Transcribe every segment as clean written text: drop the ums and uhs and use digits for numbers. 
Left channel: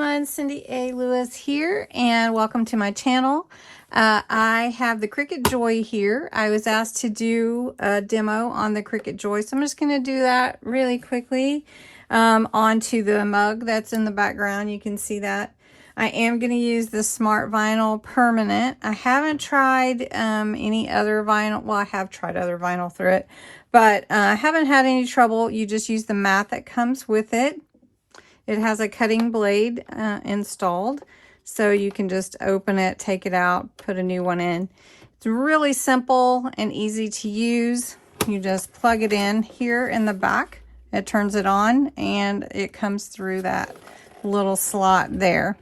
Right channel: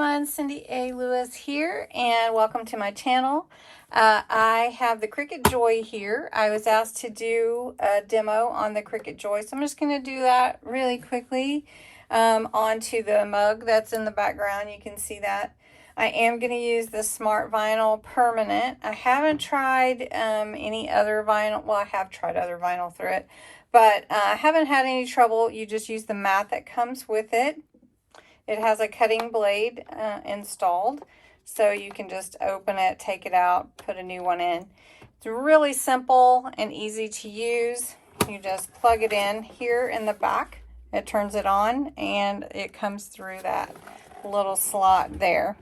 everyone, Cindy A. Lewis here, and welcome to my channel. I have the Cricut Joy here. I was asked to do a demo on the Cricut Joy, so I'm just going to do that really quickly onto the mug that's in the background. You can see that. I am going to use the Smart Vinyl Permanent. I haven't tried any other vinyl. Well, I have tried other vinyl through it, but I haven't had any trouble. You just use the mat that comes with it. It has a cutting blade installed, so you can just open it, take it out, put a new one in. It's really simple and easy to use. You just plug it in here in the back. It turns it on, and it comes through that little slot there.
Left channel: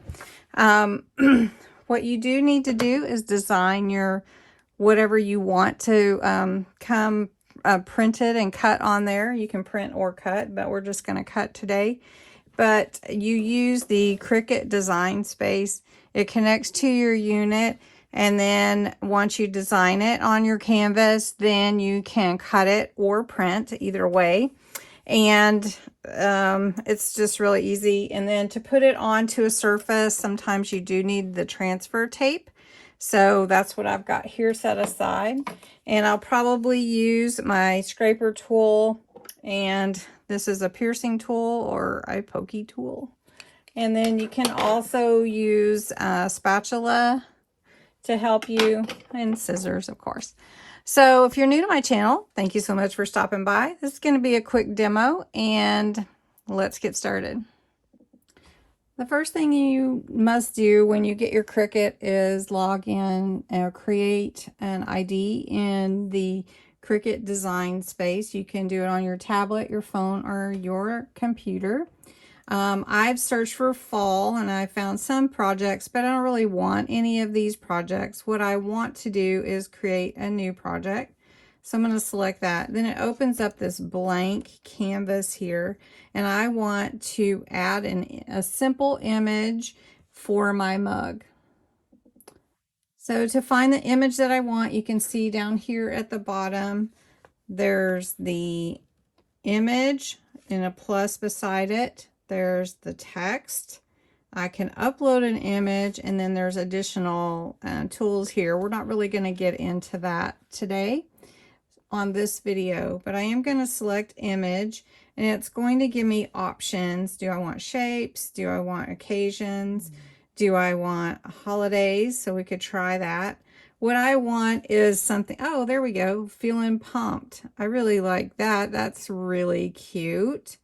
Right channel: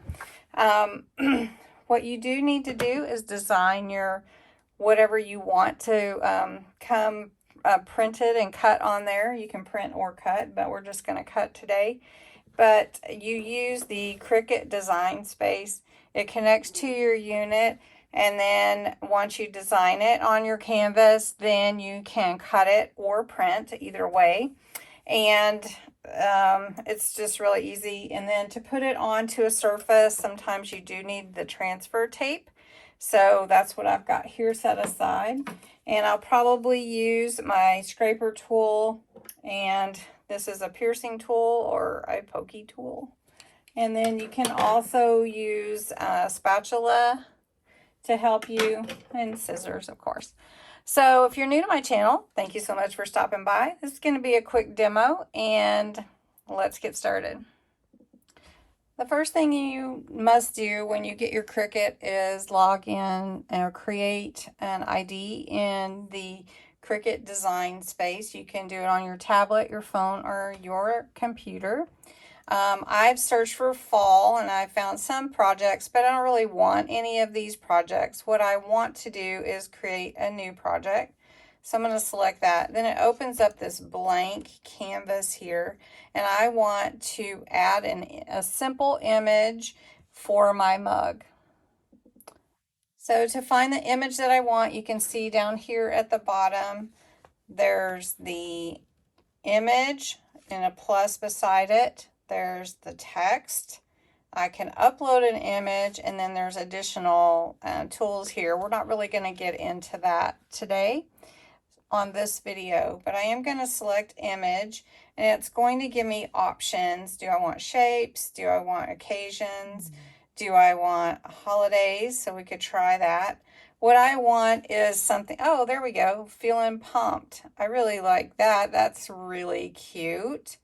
What you do need to do is design your whatever you want to come printed and cut on there. You can print or cut, but we're just going to cut today. But you use the Cricut design space. It connects to your unit, and then once you design it on your canvas, then you can cut it or print, either way. And it's just really easy. And then to put it onto a surface, sometimes you do need the transfer tape. So that's what I've got here set aside. And I'll probably use my scraper tool, and this is a piercing tool or a pokey tool. And then you can also use a spatula to help you, and scissors, of course. So if you're new to my channel, thank you so much for stopping by. This is going to be a quick demo, and let's get started. The first thing you must do when you get your Cricut is log in or create an ID in the Cricut design space. You can do it on your tablet, your phone, or your computer. I've searched for fall, and I found some projects, but I don't really want any of these projects. What I want to do is create a new project. So I'm going to select that. Then it opens up this blank canvas here, and I want to add a simple image for my mug. So to find the image that I want, you can see down here at the bottom, there's the image and a plus beside it. There's the text. I can upload an image, and then there's additional tools here. We're not really going to get into that today on this video, but I am going to select image, and it's going to give me options. Do I want shapes? Do I want occasions? Do I want holidays? So we could try that. What I want is something, oh, there we go, feeling pumped. I really like that. That's really cute.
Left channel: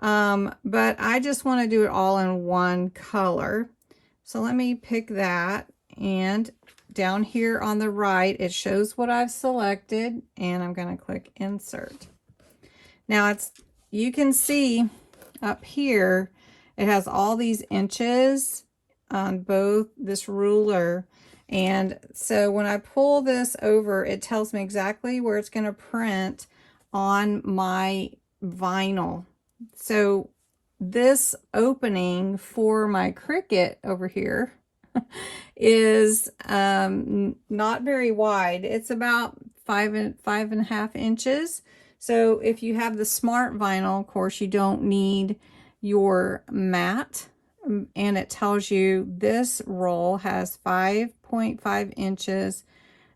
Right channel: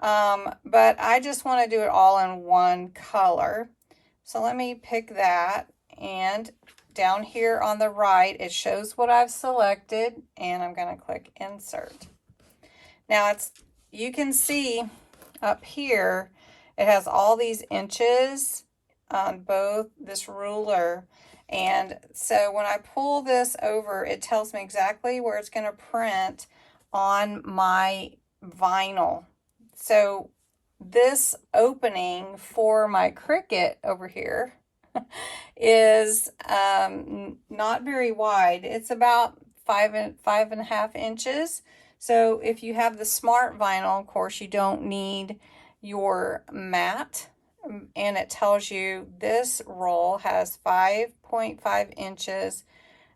But I just want to do it all in one color. So let me pick that, and down here on the right, it shows what I've selected, and I'm going to click insert. Now you can see up here, it has all these inches on both this ruler. And so when I pull this over, it tells me exactly where it's going to print on my vinyl. So this opening for my Cricut over here is not very wide. It's about 5.5 inches. So if you have the Smart Vinyl, of course, you don't need your mat. And it tells you this roll has 5.5 inches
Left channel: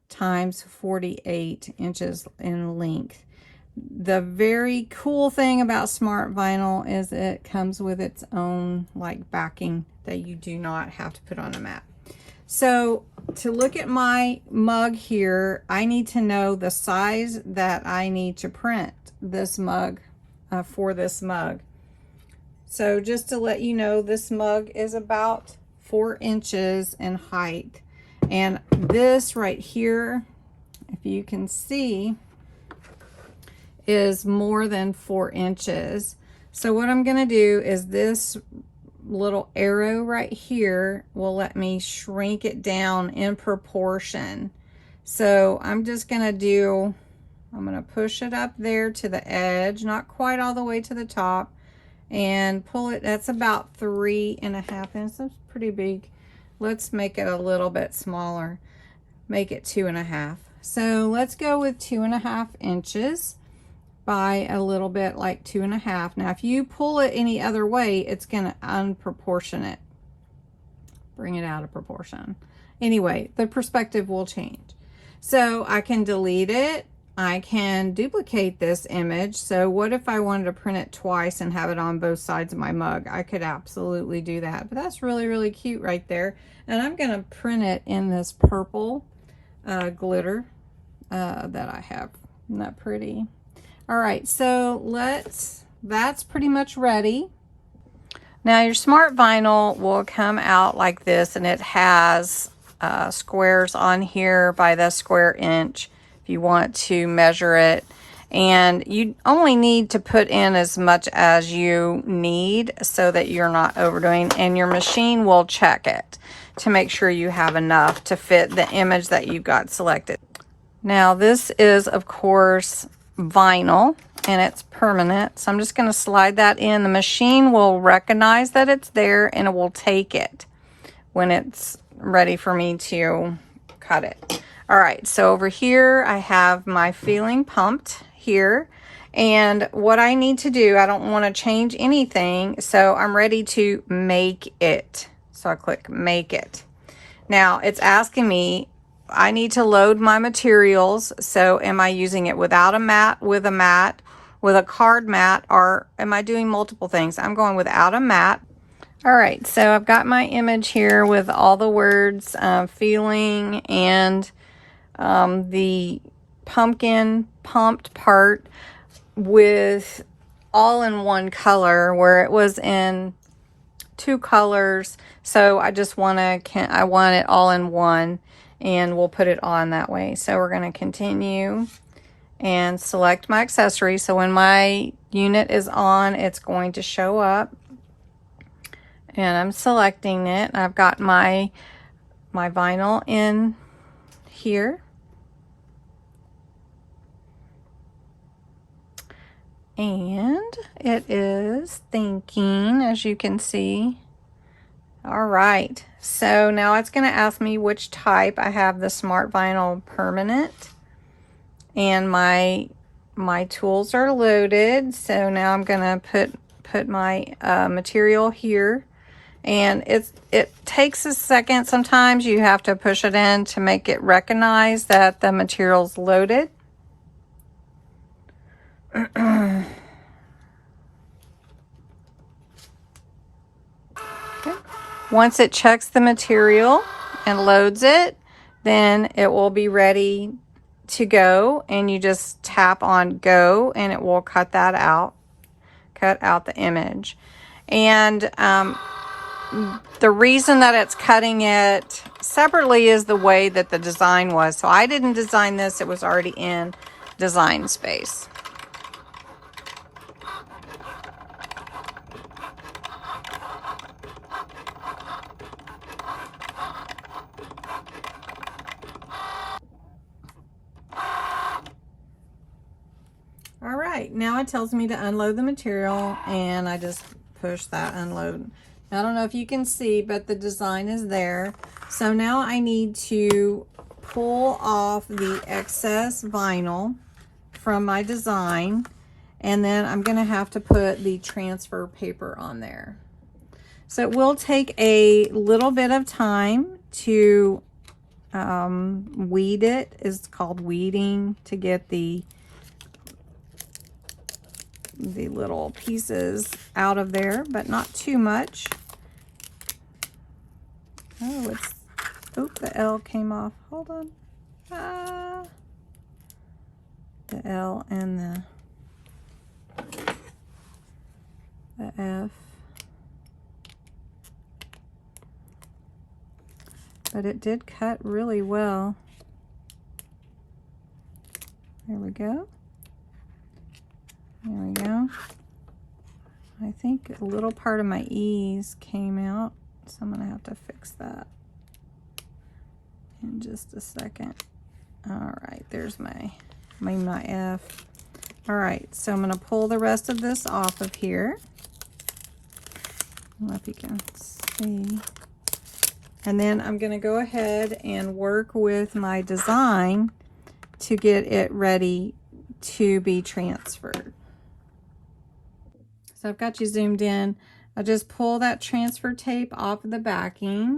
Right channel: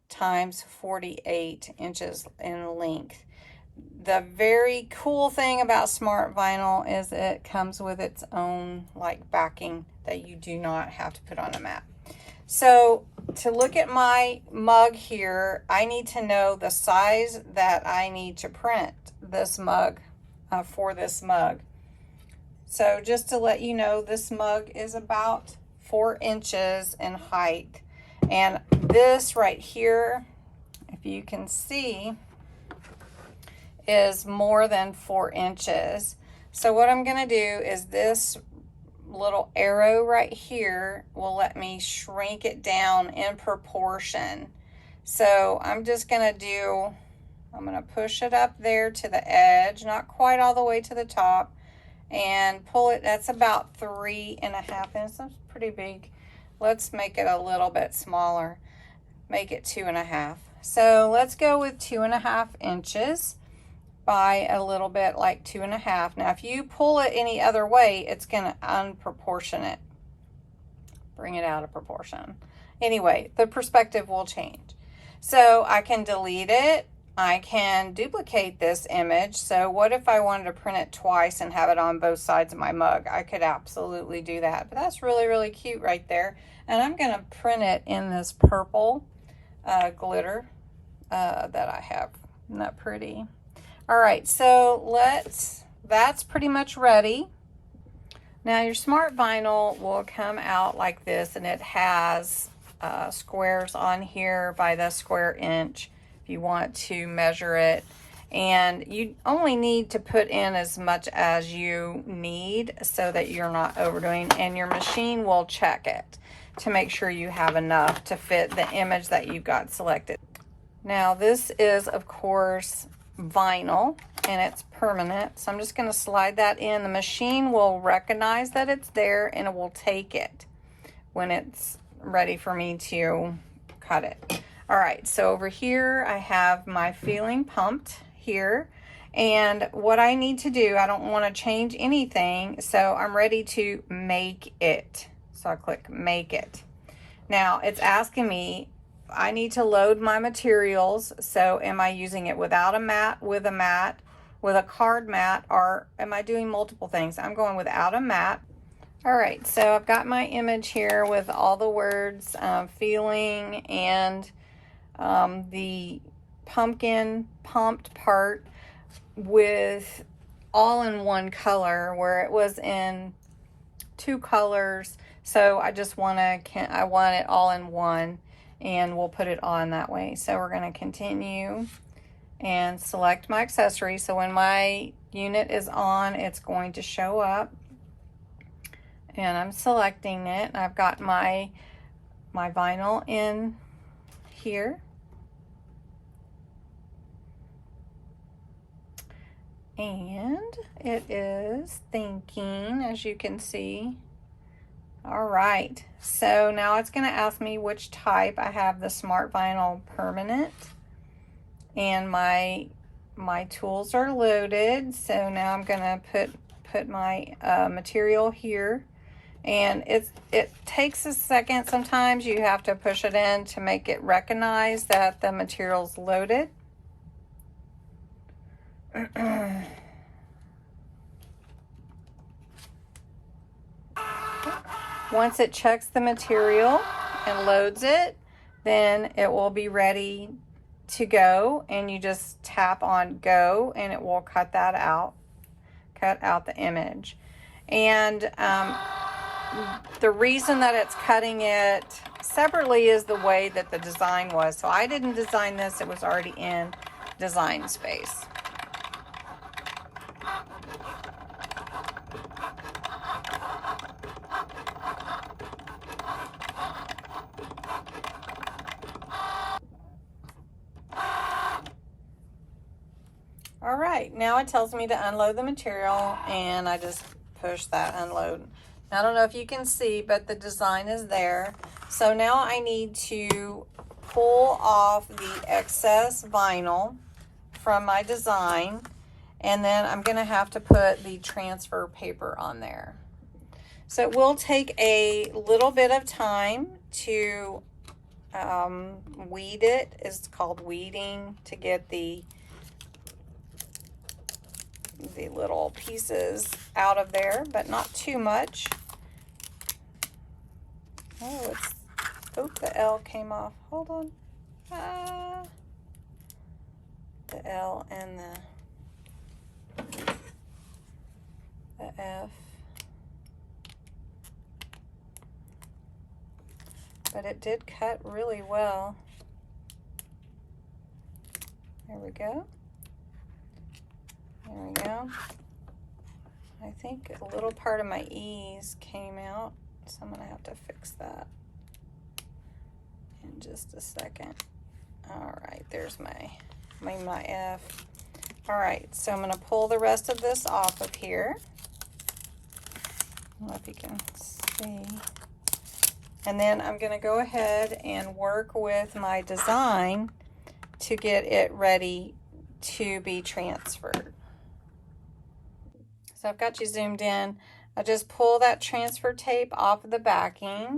times 48 inches in length. The very cool thing about Smart Vinyl is it comes with its own like backing that you do not have to put on a mat. So to look at my mug here, I need to know the size that I need to print this mug for this mug. So just to let you know, this mug is about 4 inches in height. And this right here, if you can see, is more than 4 inches. So what I'm going to do is this little arrow right here will let me shrink it down in proportion. So I'm just going to I'm going to push it up there to the edge, not quite all the way to the top, and pull it. That's about 3.5 inches. That's pretty big. Let's make it a little bit smaller. Make it 2.5. So let's go with 2.5 inches. by a little bit, like 2.5. Now if you pull it any other way, it's going to unproportionate. bring it out of proportion. Anyway, the perspective will change. So I can delete it. I can duplicate this image. So what if I wanted to print it twice and have it on both sides of my mug? I could absolutely do that. But that's really, really cute right there. And I'm going to print it in this purple glitter that I have. Isn't that pretty? All right, so that's pretty much ready. Now your smart vinyl will come out like this, and it has squares on here by the square inch if you want to measure it. And you only need to put in as much as you need so that you're not overdoing, and your machine will check it to make sure you have enough to fit the image that you've got selected. Now this is, of course, vinyl, and it's permanent. So I'm just going to slide that in. The machine will recognize that it's there, and it will take it when it's ready for me to cut it. All right, so over here I have my feeling pumped here, and what I need to do, I don't want to change anything, so I'm ready to make it. So I click make it. Now it's asking me, I need to load my materials. So am I using it without a mat, with a card mat, or am I doing multiple things? I'm going without a mat. All right, so I've got my image here with all the words, feeling, and the pumpkin pumped part with all in one color, where it was in two colors. So I just I want it all in one, and we'll put it on that way. So we're going to continue and select my accessory. So when my unit is on, it's going to show up, and I'm selecting it. I've got my vinyl in here, and it is thinking, as you can see. All right, so now it's going to ask me which type. I have the Smart Vinyl Permanent, and my tools are loaded. So now I'm going to put my material here, and it takes a second. Sometimes you have to push it in to make it recognize that the material's loaded. Once it checks the material and loads it, then it will be ready to go, and you just tap on go, and it will cut out the image. And the reason that it's cutting it separately is the way that the design was. So I didn't design this, it was already in design space. All right, now it tells me to unload the material, and I just push that unload. I don't know if you can see, but the design is there. So now I need to pull off the excess vinyl from my design, and then I'm going to have to put the transfer paper on there. So it will take a little bit of time to weed it. It's called weeding, to get the little pieces out of there, but not too much. Oh, the L came off. Hold on. The L and the F. But it did cut really well. There we go. There we go. I think a little part of my E's came out, so I'm going to have to fix that in just a second. All right, there's my F. All right, so I'm going to pull the rest of this off of here. I don't know if you can see. And then I'm going to go ahead and work with my design to get it ready to be transferred. So I've got you zoomed in. I just pull that transfer tape off of the backing,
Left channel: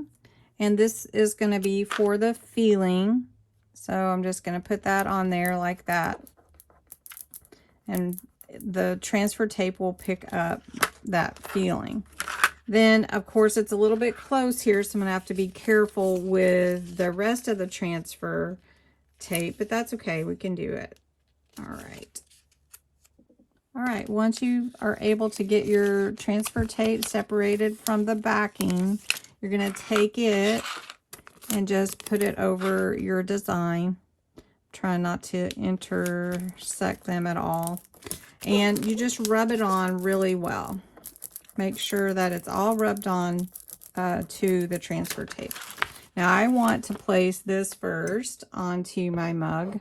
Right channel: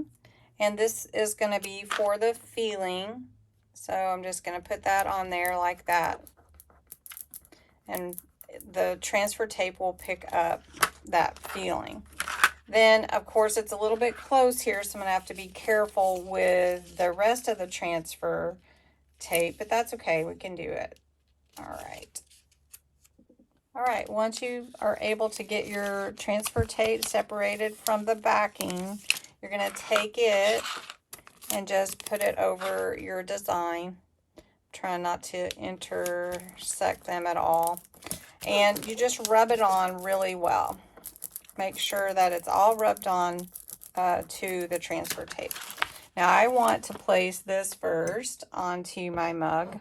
And this is going to be for the feeling. So I'm just going to put that on there like that. And the transfer tape will pick up that feeling. Then, of course, it's a little bit close here, so I'm going to have to be careful with the rest of the transfer tape, but that's okay. We can do it. All right. All right, once you are able to get your transfer tape separated from the backing, you're going to take it and just put it over your design. Try not to intersect them at all. And you just rub it on really well. Make sure that it's all rubbed on to the transfer tape. Now I want to place this first onto my mug.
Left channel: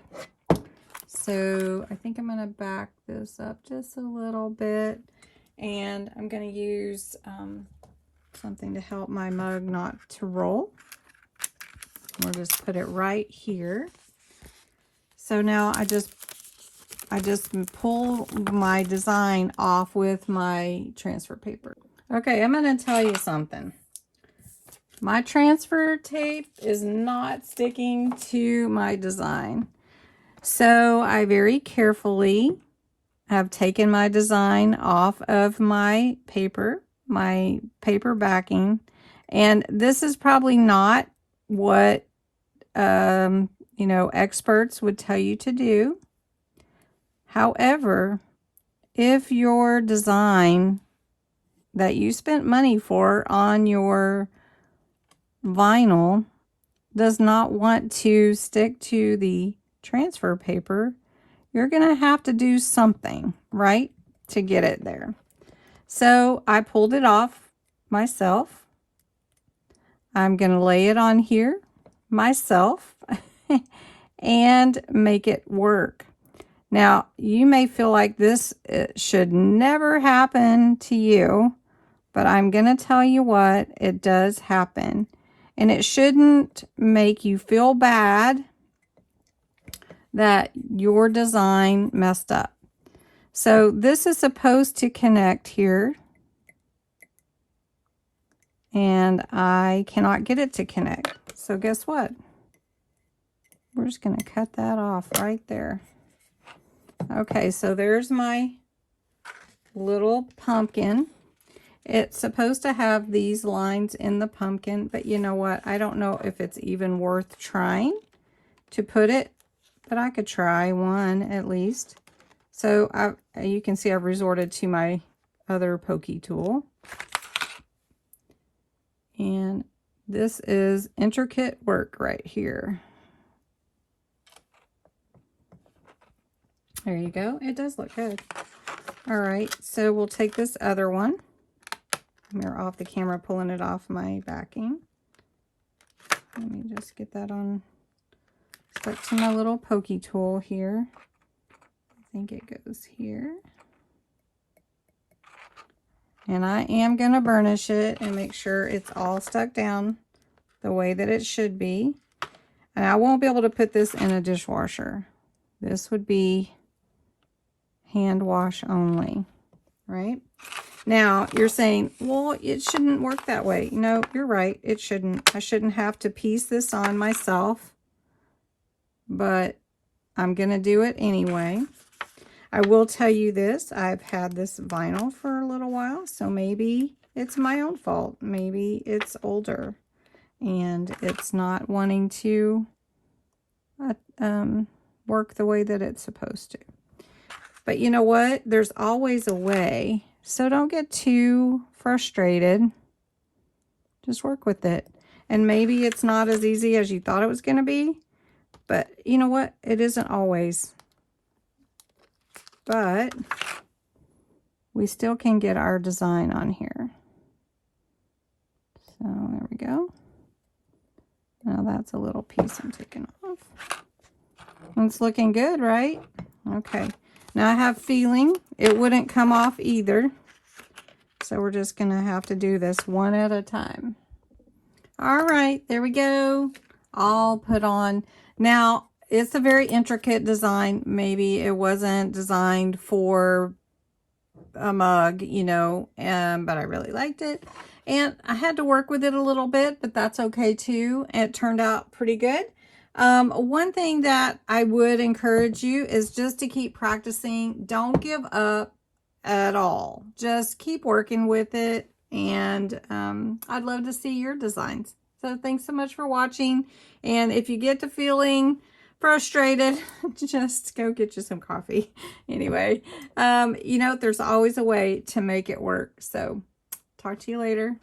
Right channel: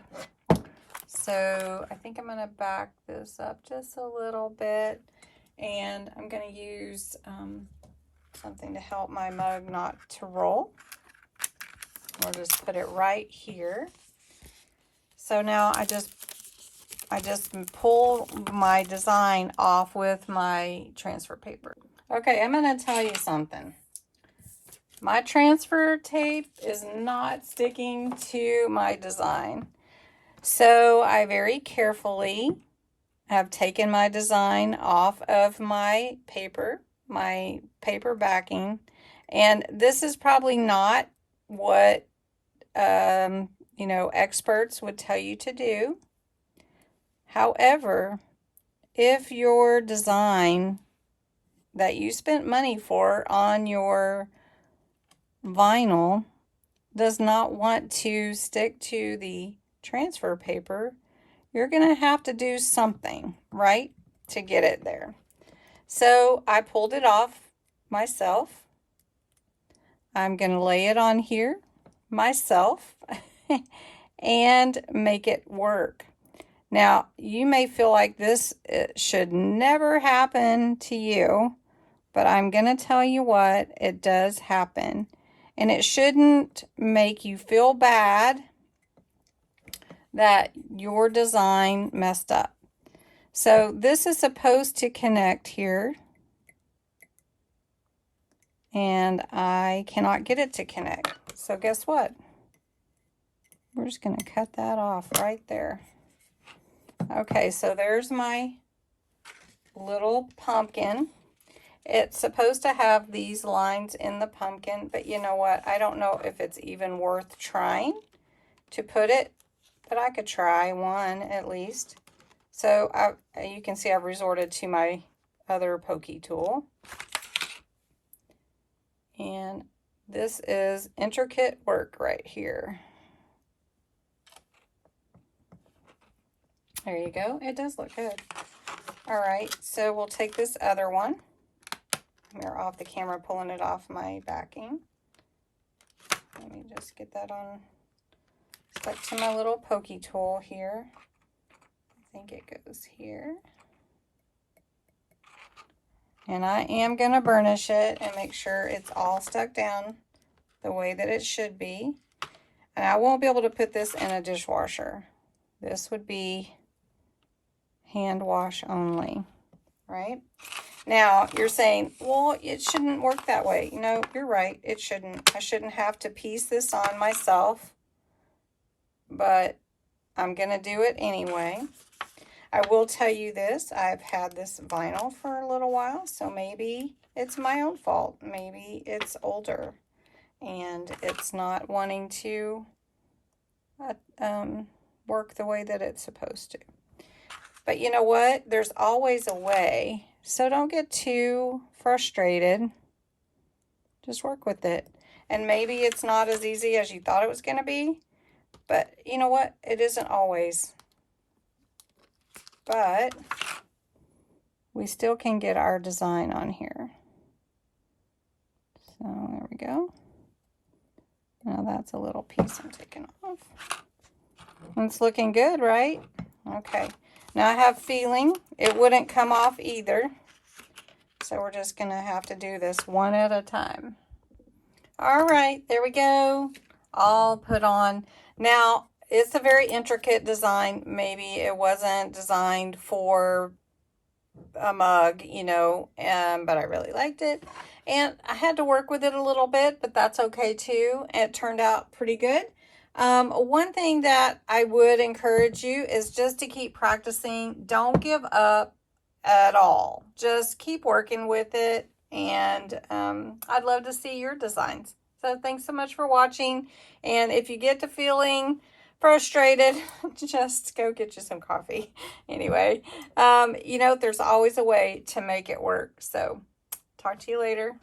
So I think I'm going to back this up just a little bit, and I'm going to use something to help my mug not to roll. I'll just put it right here. So now I just pull my design off with my transfer paper. Okay, I'm going to tell you something. My transfer tape is not sticking to my design. So I very carefully have taken my design off of my paper backing. And this is probably not what, you know, experts would tell you to do. However, if your design that you spent money for on your vinyl does not want to stick to the transfer paper, you're going to have to do something, right, to get it there. So I pulled it off myself. I'm going to lay it on here myself and make it work. Now, you may feel like this should never happen to you, but I'm going to tell you what, it does happen. And it shouldn't make you feel bad that your design messed up. So this is supposed to connect here, and I cannot get it to connect. So guess what? We're just going to cut that off right there. Okay, so there's my little pumpkin. It's supposed to have these lines in the pumpkin, but you know what? I don't know if it's even worth trying to put it, but I could try one at least. So you can see I've resorted to my other pokey tool. And this is intricate work right here. There you go. It does look good. All right, so we'll take this other one. We're off the camera pulling it off my backing. Let me just get that on, stuck to my little pokey tool here. I think it goes here. And I am going to burnish it and make sure it's all stuck down the way that it should be. And I won't be able to put this in a dishwasher. This would be hand wash only, right? Now, you're saying, well, it shouldn't work that way. No, you're right. It shouldn't. I shouldn't have to piece this on myself, but I'm going to do it anyway. I will tell you this. I've had this vinyl for a little while, so maybe it's my own fault. Maybe it's older and it's not wanting to work the way that it's supposed to. But you know what? There's always a way. So don't get too frustrated. Just work with it. And maybe it's not as easy as you thought it was going to be. But you know what? It isn't always. But we still can get our design on here. So there we go. Now that's a little piece I'm taking off. It's looking good, right? Okay. Now I have feeling it wouldn't come off either. So we're just going to have to do this one at a time. All right, there we go. All put on. Now, it's a very intricate design. Maybe it wasn't designed for a mug, you know, but I really liked it. And I had to work with it a little bit, but that's okay too. It turned out pretty good. One thing that I would encourage you is just to keep practicing. Don't give up at all. Just keep working with it. And I'd love to see your designs. So thanks so much for watching. And if you get to feeling frustrated, just go get you some coffee. Anyway, you know, there's always a way to make it work. So talk to you later.